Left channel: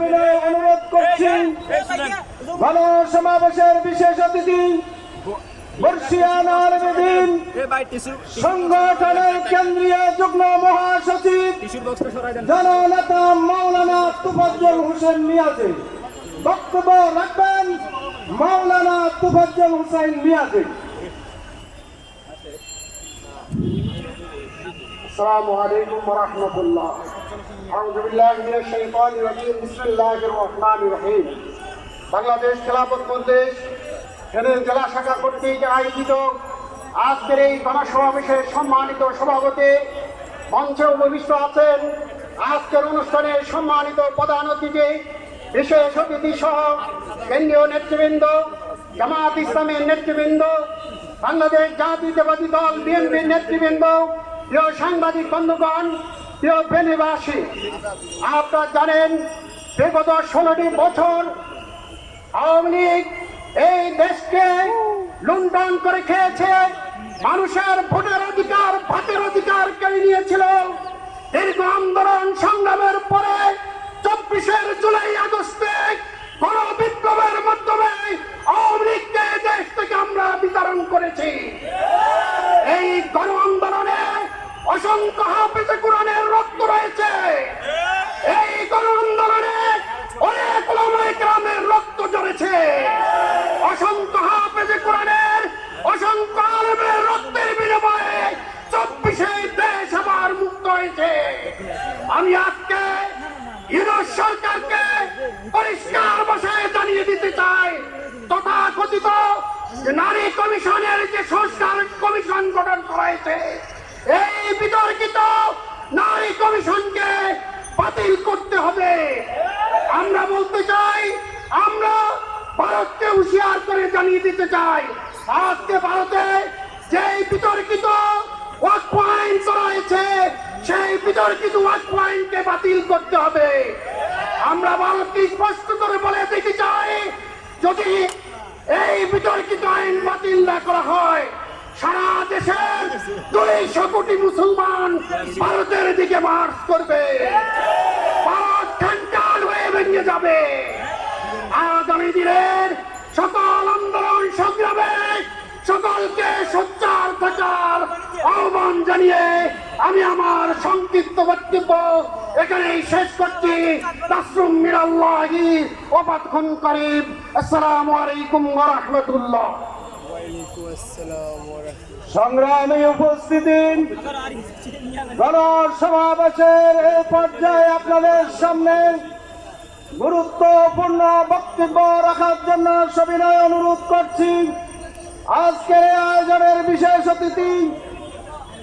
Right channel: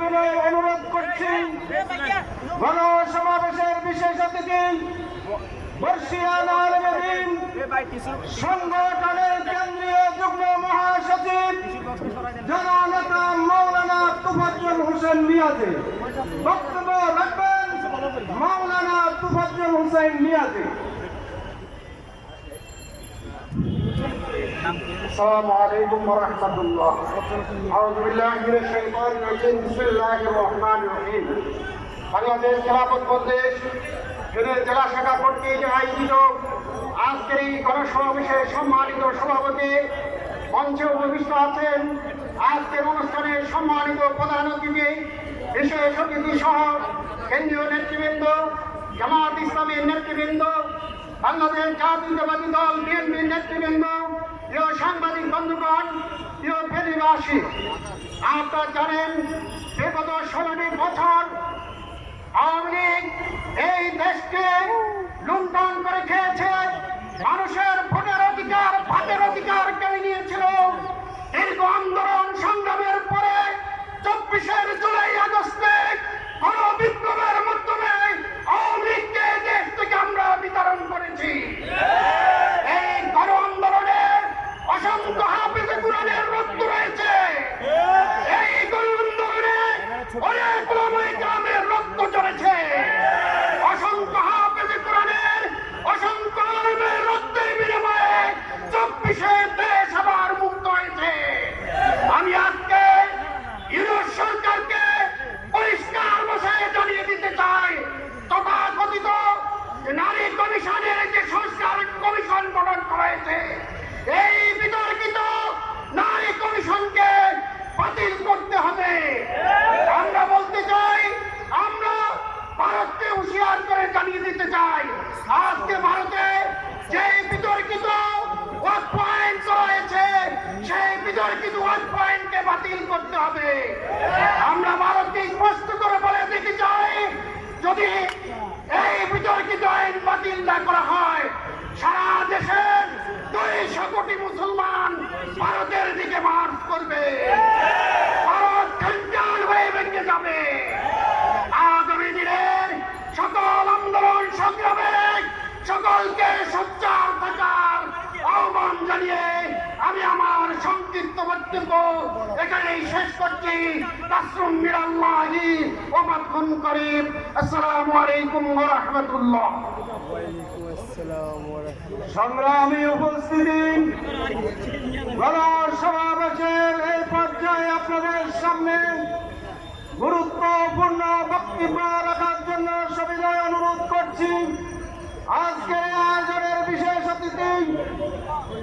সবিনয় অনুরোধ করছি গণসমাবেশের বিশেষ অতিথি বর্ষিয়ান আলেমে দ্বীন সংগঠনের কেন্দ্রীয় যুগ্ম মহাসচিব জননেতা মাওলানা তুফাজ্জল হোসেন মিয়াজি বক্তব্য রাখবেন। মাওলানা তুফাজ্জল হোসেন মিয়াজি। আসসালামু আলাইকুম ওয়া রাহমাতুল্লাহ। আউযু বিল্লাহি মিনাশ শাইতানির রাজিম। বিসমিল্লাহির রহমানির রহিম। বাংলাদেশ খেলাফত মজলিস ফেনী জেলা শাখা কর্তৃক আয়োজিত আজকের এই গণসমাবেশের সম্মানিত সভাপতি মঞ্চে উপবিষ্ট আছেন। আজকের অনুষ্ঠানে সম্মানিত প্রধান অতিথি, বিশেষ অতিথি সহ কেন্দ্রীয় নেতৃবৃন্দ, জামাত ইসলামের নেতৃবৃন্দ, বাংলাদেশ জাতীয়তাবাদী দল বিএনপির নেতৃবৃন্দ, প্রিয় সাংবাদিক বন্ধুগণ, প্রিয় ফেনীবাসী, আপনারা জানেন বিগত 16টি বছর আওয়ামী লীগ এই দেশকে লুণ্ঠন করে খেয়েছে। মানুষের ভোটের অধিকার, ভাতের অধিকার কেড়ে নিয়েছিল। দীর্ঘ আন্দোলন সংগ্রামের পরে 24 জুলাই আগস্টে গণ বিপ্লবের মাধ্যমে আওয়ামী লীগকে দেশ থেকে আমরা বিতরণ করেছি। এই গণ আন্দোলনে অসংখ্য হাফেজে কোরআনের রক্ত রয়েছে। এই গণ আন্দোলনে অনেক ওলামায়ে কেরামের রক্ত ঝরেছে। অসংখ্য হাফেজে কোরআনের, অসংখ্য আলেমের রক্তের বিনিময়ে 24 দেশ আবার মুক্ত হয়েছে। আমি আজকে ইউনূস সরকারকে পরিষ্কার ভাষায় জানিয়ে দিতে চাই, তথাকথিত নারী কমিশনের যে সংস্কার কমিশন গঠন করা হয়েছে, এই বিতর্কিত নারী কমিশনকে বাতিল করতে হবে। আমরা বলতে চাই, আমরা ভারতকে হুঁশিয়ার করে জানিয়ে দিতে চাই, আজকে ভারতে যে বিতর্কিত ওয়াকফ আইন করা হয়েছে, সেই বিতর্কিত ওয়াকফ আইনকে বাতিল করতে হবে। আমরা ভারতকে স্পষ্ট করে বলে দিতে চাই, যদি এই বিতর্কিত আইন বাতিল না করা হয়, সারা দেশের 200 কোটি মুসলমান ভারতের দিকে মার্চ করবে। ভারত খানকান হয়ে ভেঙে যাবে। আগামী দিনের সকল আন্দোলন সংগ্রামে সকলকে সোচ্চার থাকার আহ্বান জানিয়ে আমি আমার সংক্ষিপ্ত বক্তব্য এখানেই শেষ করছি। তাসরুম মিনাল্লাহি ওয়া ফাতহুন করিম। আসসালামু আলাইকুম ওয়া রাহমাতুল্লাহ। সংগ্রামী উপস্থিতি, গণসমাবেশের এই পর্যায়ে আপনাদের সামনে গুরুত্বপূর্ণ বক্তব্য রাখার জন্য সবিনয় অনুরোধ করছি আজকের আয়োজনের বিশেষ অতিথি,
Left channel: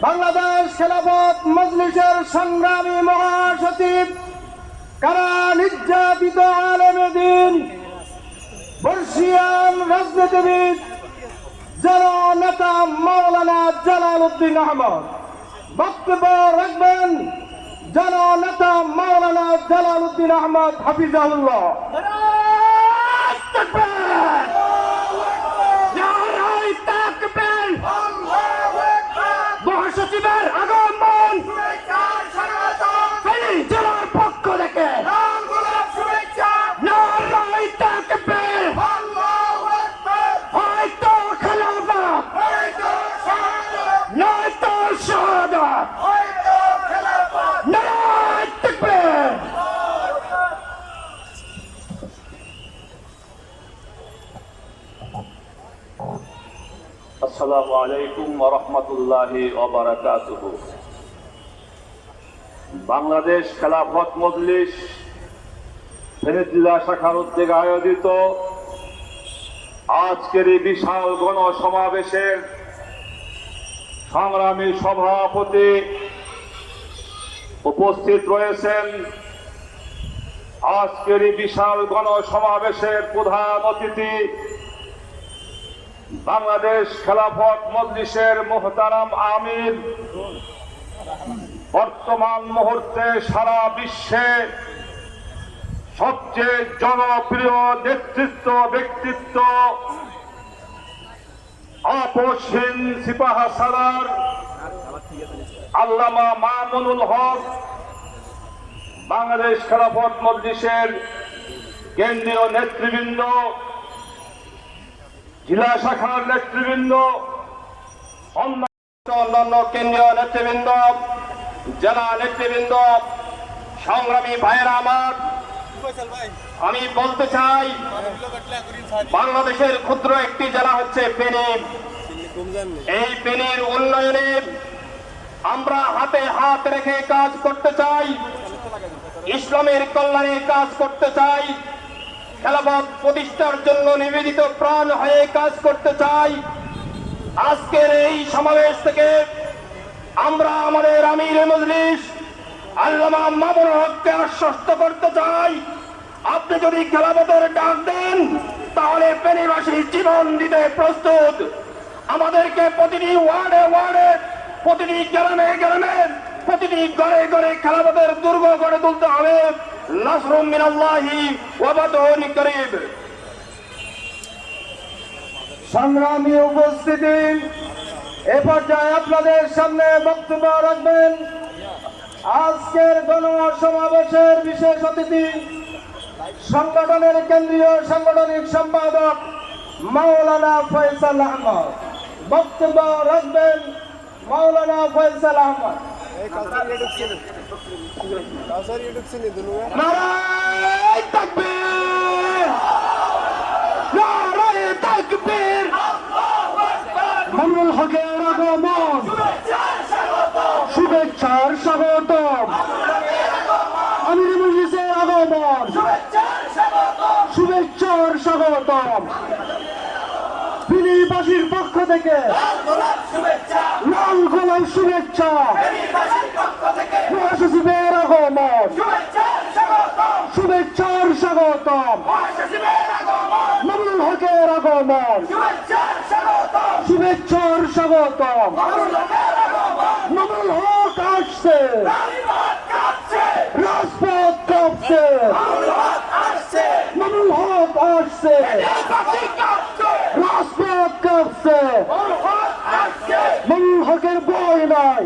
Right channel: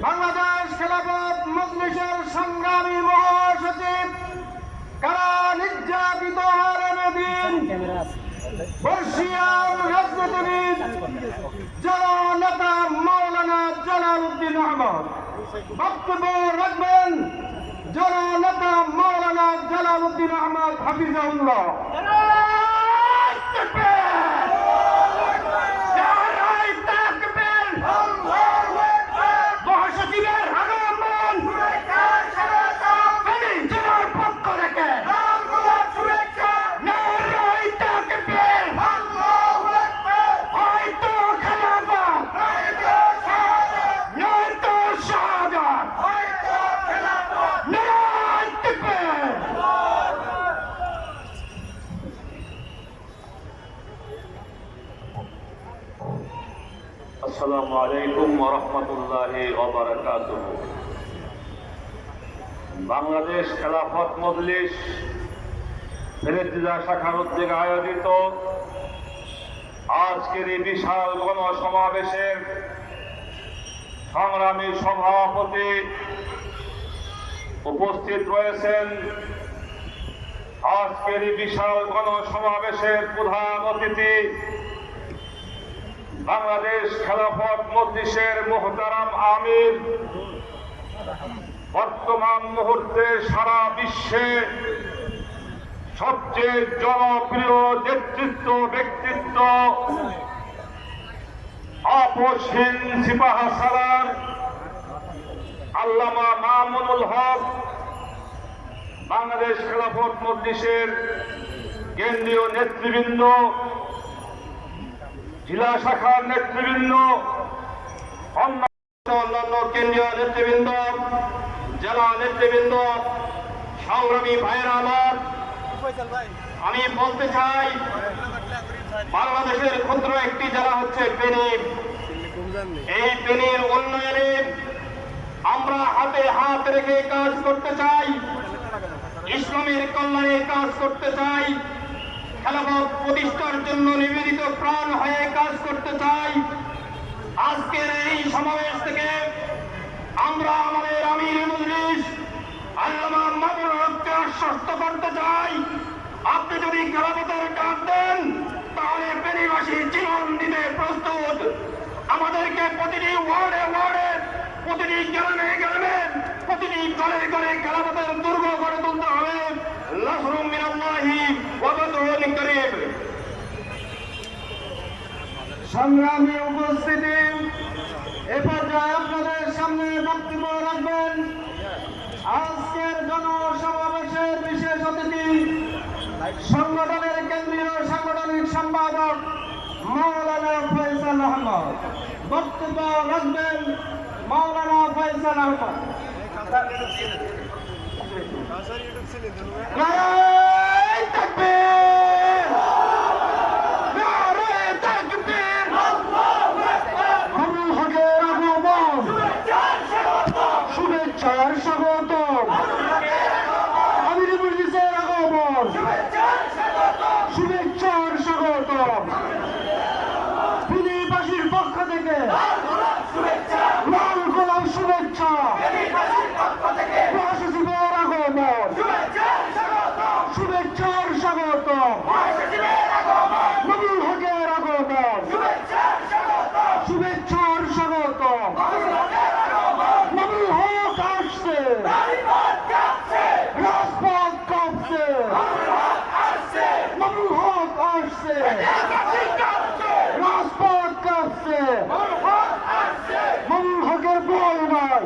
বাংলাদেশ খেলাফত মজলিসের সংগ্রামী মহাসচিব, কারা নির্যাতিত আলেমে দ্বীন, বর্ষিয়ান রাজনীতিবিদ, জননেতা মাওলানা জালাল উদ্দিন আহমদ। বক্তব্য রাখবেন জননেতা মাওলানা জালাল উদ্দিন আহমদ হাফিজাহুল্লাহ। মহাসচিবের আগমন ফেনী জেলার পক্ষ থেকে হয়তো খেলাফত, নয়তো শাহাদাত, নারায়ে তাকবীর। আসসালামু আলাইকুম ওয়া রাহমাতুল্লাহি ওয়া বারাকাতুহু। বাংলাদেশ খেলাফত মজলিস ফেনী জেলা শাখার উদ্যোগে আয়োজিত আজকের এই বিশাল গণসমাবেশের সংগ্রামী সভাপতি উপস্থিত রয়েছেন। আজকের এই বিশাল গণসমাবেশের প্রধান অতিথি বাংলাদেশ খেলাফত মজলিসের মুহতারাম আমির, বর্তমান মুহূর্তে সারা বিশ্বে সবচেয়ে জনপ্রিয় নেতৃত্ব ব্যক্তিত্ব, আপসহীন সিপাহসালার আল্লামা মামুনুল হক বাংলাদেশ খেলাফত মজলিসের কেন্দ্রীয় নেতৃবৃন্দ, জেলা শাখার নেতৃবৃন্দ, অন্যান্য কেন্দ্রীয় নেতৃবৃন্দ, জেলা নেতৃবৃন্দ, সংগ্রামী ভাইয়েরা আমার, আমি বলতে চাই বাংলাদেশের ক্ষুদ্র একটি জেলা হচ্ছে ফেনী। এই ফেনীর উন্নয়নে আমরা হাতে হাত রেখে কাজ করতে চাই, ইসলামের কল্যাণে কাজ করতে চাই, খেলাফত প্রতিষ্ঠার জন্য নিবেদিত প্রাণ হয়ে কাজ করতে চাই। আজকের এই সমাবেশ থেকে আমরা আমাদের আমির মজলিস আল্লামা মামুনুল হককে আশ্বস্ত করতে চাই, আপনি যদি খেলাফতের ডাক দেন তাহলে ফেনীবাসী জীবন দিতে প্রস্তুত। আমাদেরকে প্রতিটি ওয়ার্ডে ওয়ার্ডে, প্রতিটি গ্রামে গ্রামে, প্রতিটি ঘরে ঘরে খেলাফতের দুর্গ গড়ে তুলতে হবে। নাসরুম মিনাল্লাহি ওয়া ফাতহুন করিব। সংগ্রামী উপস্থিতি, এ পর্যায়ে আপনাদের সামনে বক্তব্য রাখবেন আজকের গণসমাবেশের বিশেষ অতিথি, সংগঠনের কেন্দ্রীয় সাংগঠনিক সম্পাদক মাওলানা ফয়সাল আহমদ। বক্তব্য রাখবেন মাওলানা ফয়সাল আহমদ। নারায়ে তাকবীর, নারায়ে তাকবীর। মামুনুল হকের আগমন, শুভেচ্ছার স্বাগতম। আমির মজলিসের আগমন, শুভেচ্ছার স্বাগতম। ফেনীবাসীর পক্ষ থেকে লাল গোলাপ শুভেচ্ছা। মহাসচিবের আগমন, শুভেচ্ছার স্বাগতম। মামুনুল হকের আগমন, শুভেচ্ছার স্বাগতম। মামুনুল হক আসছে, রাজপথ কাঁপছে। মামুনুল হক আসছে, রাজপথ কাঁপছে। মামুনুল হকের বই নাই,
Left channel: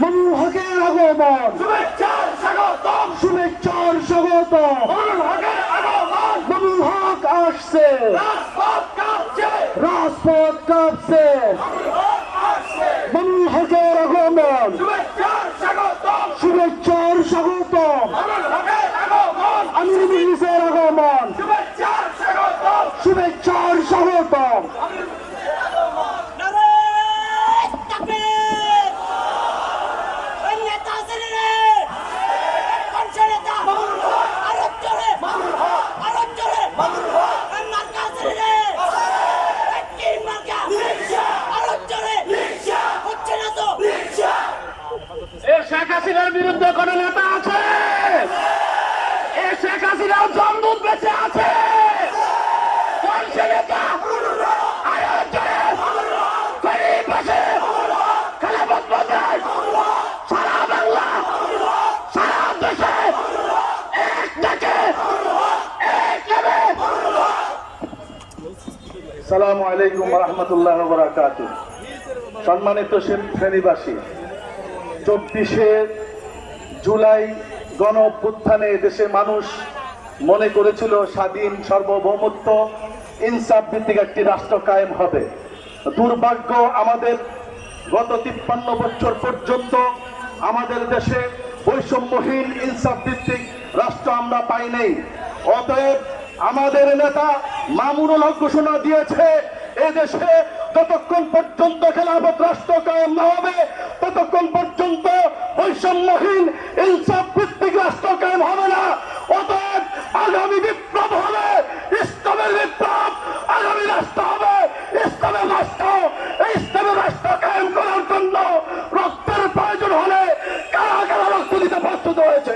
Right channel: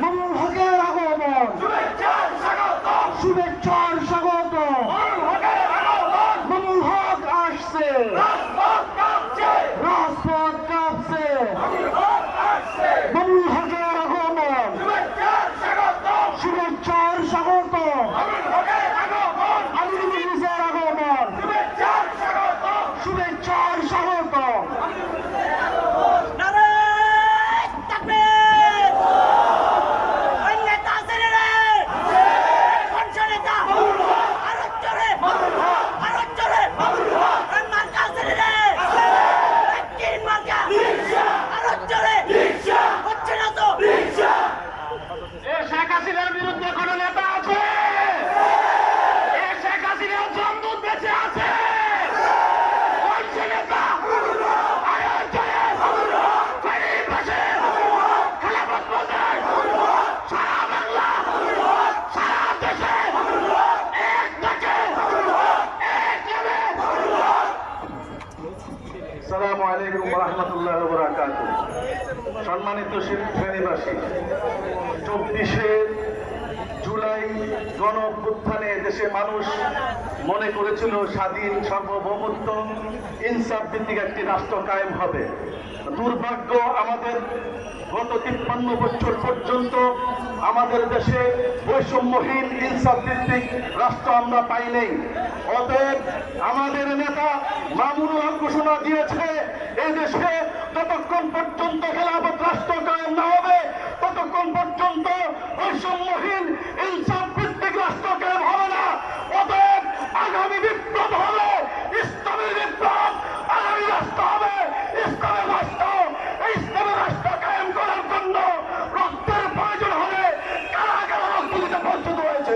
মামুনুল হকের আগমন, শুভেচ্ছার স্বাগতম। মামুনুল হক আসছে, রাজপথ কাঁপছে। মামুনুল হকের আগমন, শুভেচ্ছার স্বাগতম। আমির মজলিসের আগমন, শুভেচ্ছার স্বাগতম। শেখ হাসিনার বিরুদ্ধে কোন নেতা আছে? শেখ হাসিনাও জমদূত বেঁচে আছে। কোন সে নেতা? সারা বাংলা, সারা দেশে এক ডাকে, এক নামে। আসসালামু আলাইকুম ওয়া রাহমাতুল্লাহি ওয়া বারাকাতুহু। সম্মানিত ফেনীবাসী, 24শে জুলাই গণ অভ্যুত্থানে দেশের মানুষ মনে করেছিল স্বাধীন, সার্বভৌমত্ব, ইনসাফ ভিত্তিক একটি রাষ্ট্র কায়েম হবে। দুর্ভাগ্য, আমাদের গত 53 বছর পর্যন্ত আমাদের দেশে বৈষম্যহীন ইনসাফ ভিত্তিক রাষ্ট্র আমরা পাই নাই। অতএব আমাদের নেতা মামুনুল হক ঘোষণা দিয়েছে, এদেশে যতক্ষণ পর্যন্ত খেলাফত রাষ্ট্র কায়েম না হবে ততক্ষণ পর্যন্ত বৈষম্যহীন ইনসাফ ভিত্তিক রাষ্ট্র কায়েম হবে না। অতএব আগামী বিপ্লব হবে ইসলামের বিপ্লব, আগামী রাষ্ট্র হবে ইসলামের রাষ্ট্র। এই ইসলামের রাষ্ট্র কায়েম করার জন্য রক্তের প্রয়োজন হলে কারা কারা রক্ত দিতে প্রস্তুত হয়েছে।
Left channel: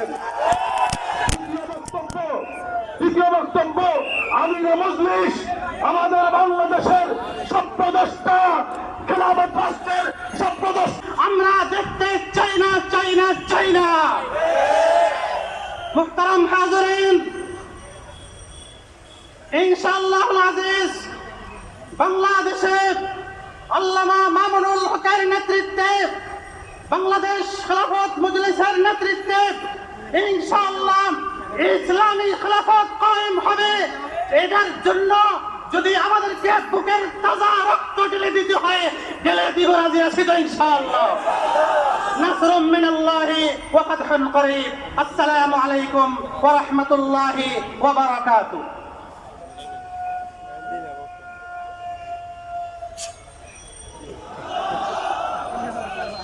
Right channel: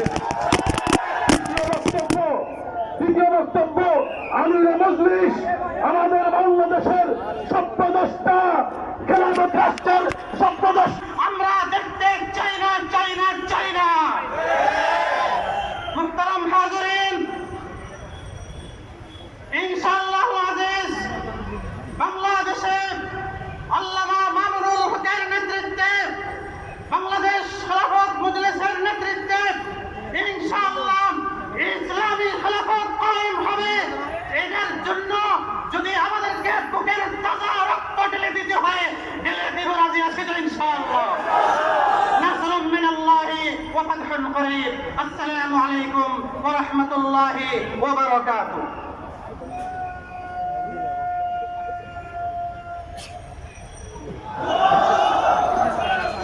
দ্বিতীয় বক্তব্য, আমির মজলিস আমাদের বাংলাদেশের স্বপ্নদ্রষ্টা, খেলাফত রাষ্ট্রের স্বপ্নদ্রষ্টা। আমরা দেখতে চাই না, চাই না, চাই না। মুহতারাম হাজিরিন, ইনশাআল্লাহ আজিজ বাংলাদেশে আল্লামা মামুনুল হকের নেতৃত্বে বাংলাদেশ খেলাফত মজলিসের নেতৃত্বে ইনশাআল্লাহ ইসলামী খেলাফত কায়েম হবে। এটার জন্য যদি আমাদেরকে বুকের তাজা রক্ত ঢেলে দিতে হয়, ঢেলে দিব, রাজি আছি তো ইনশাআল্লাহ। নাসরুম মিনাল্লাহি ওয়া ফাতহুন করিব। আসসালামু আলাইকুম ওয়া রাহমাতুল্লাহি ওয়া বারাকাতুহু।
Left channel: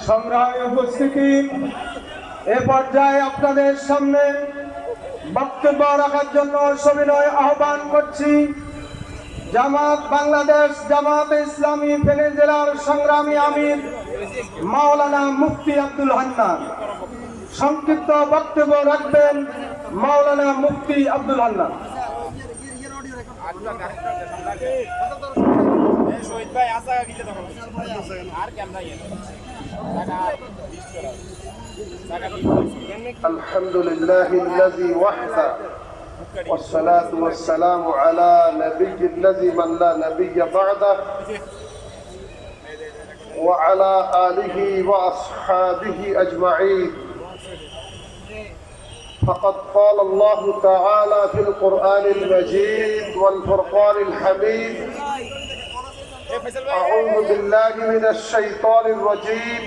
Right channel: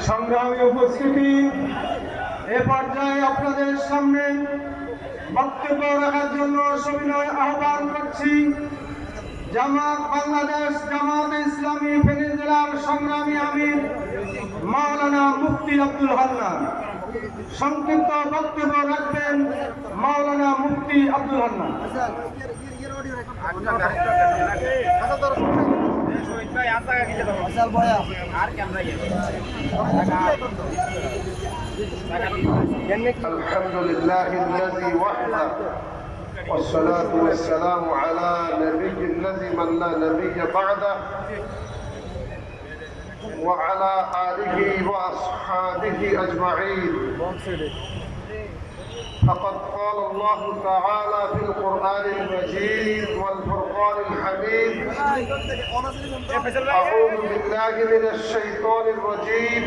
সংগ্রামী উপস্থিতি, এ পর্যায়ে আপনাদের সামনে বক্তব্য রাখার জন্য সবিনয় আহ্বান করছি জামাত বাংলাদেশ জামাত ইসলামী ফেনী জেলার সংগ্রামী আমির মাওলানা মুফতি আব্দুল হান্নান। সংক্ষিপ্ত বক্তব্য রাখবেন মাওলানা মুফতি আব্দুল হান্নান। الحمد لله الذي وحده والصلاة والسلام على نبي الذي من لا نبي بعده وعلى آله وأصحابه أجمعين. فقد قال الله تعالى في القرآن المجيد والفرقان الحميد: أعوذ بالله من الشيطان الرجيم.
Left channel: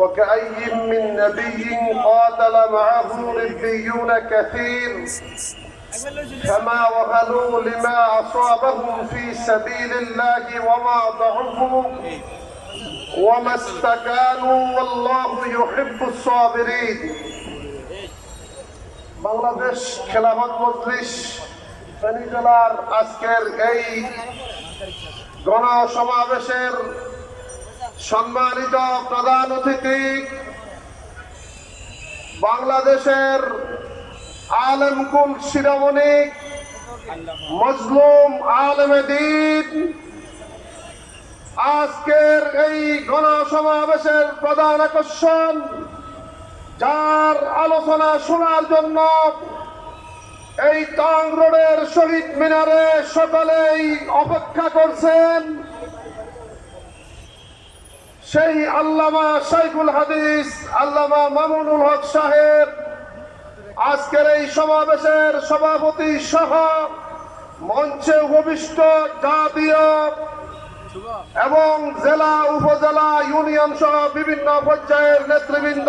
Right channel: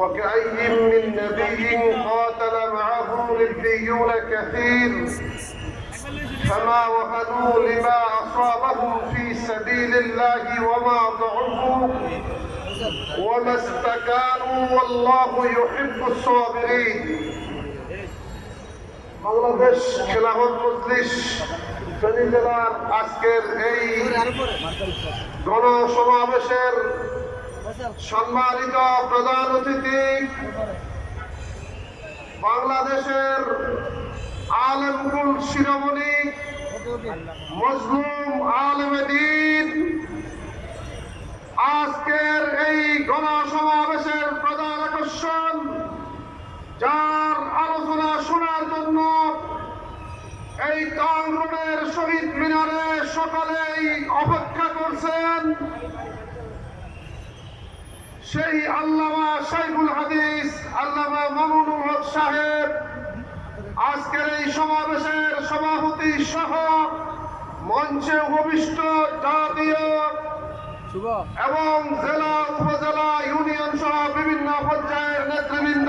وكأي من نبي قاتل معه ربيون كثير فما وهنوا لما أصابهم في سبيل الله وما ضعفوا وما استكانوا والله يحب الصابرين. বাংলাদেশ খেলাফত মজলিস ফেনী জেলার আজকের এই গণসমাবেশের সম্মানিত প্রধান অতিথি, বাংলাদেশের আলেমকুল শিরোমণি মজলুম আলেমে দ্বীন, আজকের এই গণসমাবেশের প্রধান আকর্ষণ, যার আলোচনা শোনার জন্য এই টং রোডের শহীদ মিনারে সকালেই অপেক্ষা করছেন, সেই আল্লামা শাইখুল হাদিস আল্লামা মামুনুল হক সাহেব আজকের এই সমাবেশের সভাপতি সহ মঞ্চে উপবিষ্ট জাতীয় এবং জেলা উপজেলা ইউনিয়ন সহ বিভিন্ন পর্যায়ের নেতৃবৃন্দ,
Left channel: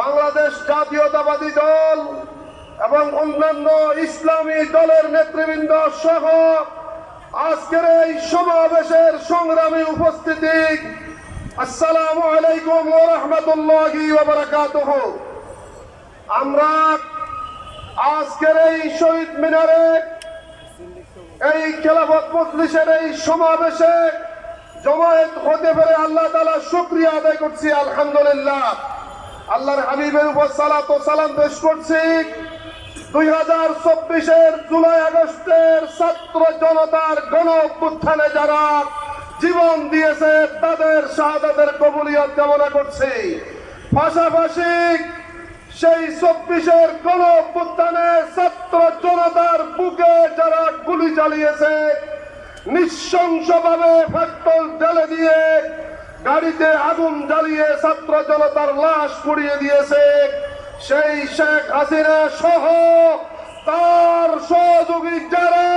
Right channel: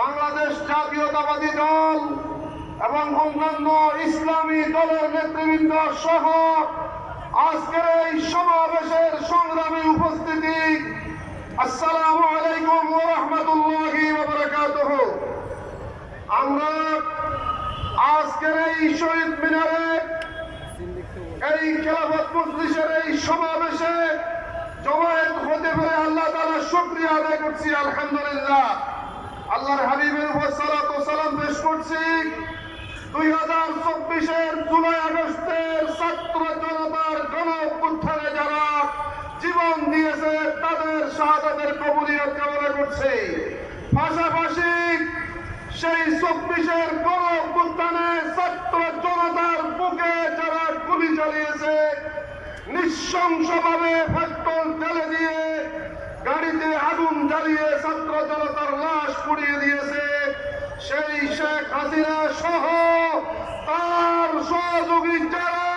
বাংলাদেশ জাতীয়তাবাদী দল এবং অন্যান্য ইসলামী দলের নেতৃবৃন্দ সহ আজকের এই সমাবেশের সংগ্রামী উপস্থিতি, আসসালামু আলাইকুম ওয়া রাহমাতুল্লাহি ওয়া বারাকাতুহু। আমরা আজকের এই শহীদ মিনারে এই খেলাফত মজলিসের এই সমাবেশে জমায়েত হতে পারে আল্লাহ তাআলা শুকরিয়া আদায় করছি, আলহামদুলিল্লাহ। আল্লাহর হাবিবের উপর সালাত ও সালাম পেশ করছি। 2024-এর জুলাই আগস্টের ছাত্র জনতার গণ অভ্যুত্থানে যারা জীবন দিয়েছে তাদের শাহাদাতের কবুলিয়ত কামনা করছি। পাশাপাশি সেই 24-এর গণ অভ্যুত্থানে ছাত্র জনতার বুকে যারা গুলি চালিয়েছে, নৃশংসভাবে পেট্রোল ঢেলে দিয়ে গাড়িতে আগুন জ্বালিয়ে ছাত্র জনতার লাশ পুড়িয়ে দিয়েছে, সেই শেখ হাসিনা সহ তার সহযোগী যারা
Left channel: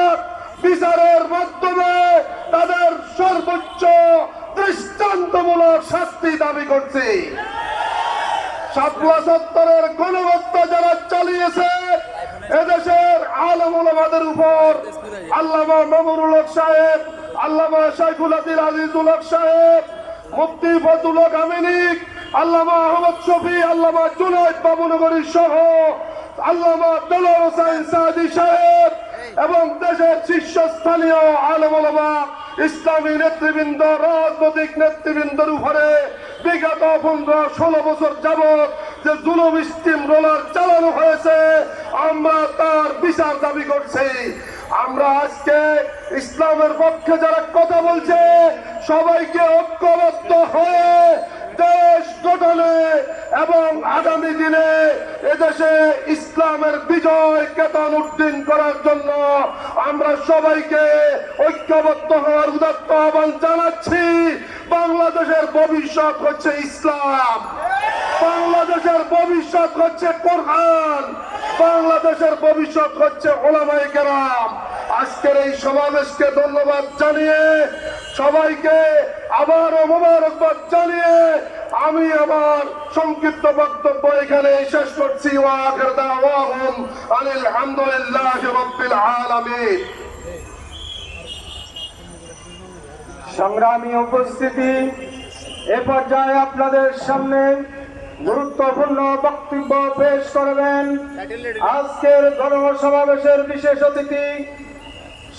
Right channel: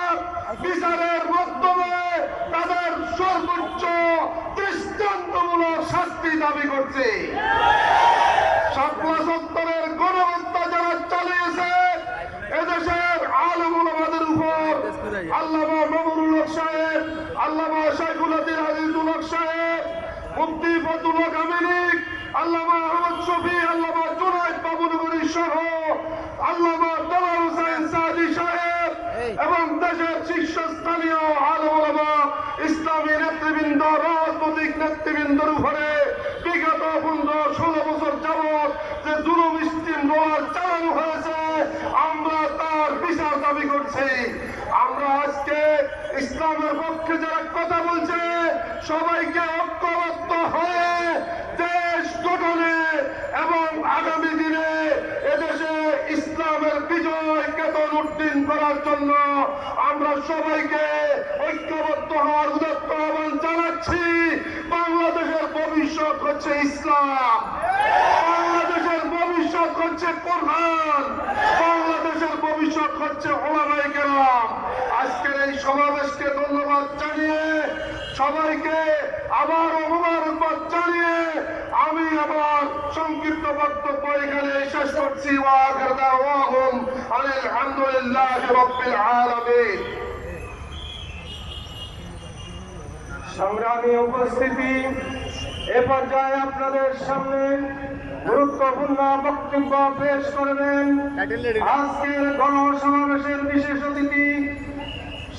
বিচারের মাধ্যমে তাদের সর্বোচ্চ দৃষ্টান্তমূলক শাস্তি দাবি করছে। শাপলা চত্বরের গণহত্যা যারা চালিয়েছে এদেশের আলেম ওলামাদের উপর, আল্লামা মামুনুল হক সাহেব, আল্লামা শাইখুল আজিজুল হক সাহেব, মুফতি ফজলুল হক আমিনী, আল্লামা আহমদ শফি, আল্লামা জুনায়েদ বাবুনগরী সহ আল্লামা দেলোয়ার হোসেন সাদি সাহেব এবং দেশের শীর্ষস্থানীয় আলেম ওলামা, ইসলামী নেতৃবৃন্দ, রাজনৈতিক নেতৃবৃন্দের উপরে বিগত 15-16 বছর যাবৎ যে জুলুম স্টিম রোলার চালানো হয়েছে, আমরা তার বিচার দাবি করছি। আমরা আজকে ইসলামের পক্ষে যারা কথা বলছে সবাইকে ঐক্যবদ্ধ হয়ে দেশ গঠনে এবং আগামী দিনে এদেশে ইসলামের বিজয় কেতন উদ্দিন করার জন্য আমরা সবাইকে ঐক্যবদ্ধ হওয়ার উদাত্ত আহ্বান জানাচ্ছি। বাংলাদেশের ভবিষ্যৎ হচ্ছে ইসলাম, বাংলাদেশের ভবিষ্যৎ হচ্ছে কোরআন, বাংলাদেশের ভবিষ্যৎ হচ্ছে ওলামায়ে কেরাম। আজকের এই সমাবেশকে ধন্যবাদ জানিয়ে সবাইকে আবারও মোবারকবাদ জানিয়ে আমি আমার সংক্ষিপ্ত বক্তব্য এখানে শেষ করছি। ওয়া আখিরু দাওয়াহুম আলহামদুলিল্লাহি রাব্বিল আলামিন। সংগ্রামী উপস্থিতি, এ পর্যায়ে আপনাদের সামনে গুরুত্বপূর্ণ বক্তব্য পেশ করবেন আজকের গণসমাবেশের বিশেষ অতিথি,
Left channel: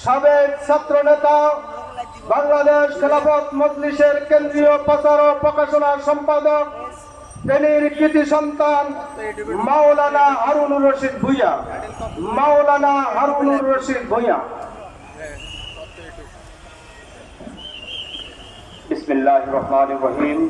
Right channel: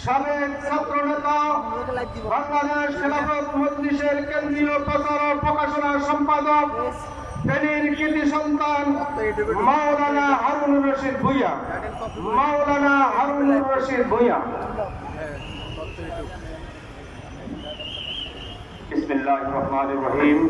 সাবেক ছাত্র নেতা, বাংলাদেশ খেলাফত মজলিসের কেন্দ্রীয় প্রচার ও প্রকাশনা সম্পাদক, ফেনীর কৃতি সন্তান মাওলানা হারুনুর রশিদ ভূঁইয়া। মাওলানা হারুনুর রশিদ ভূঁইয়া। বিসমিল্লাহির রহমানির রহিম।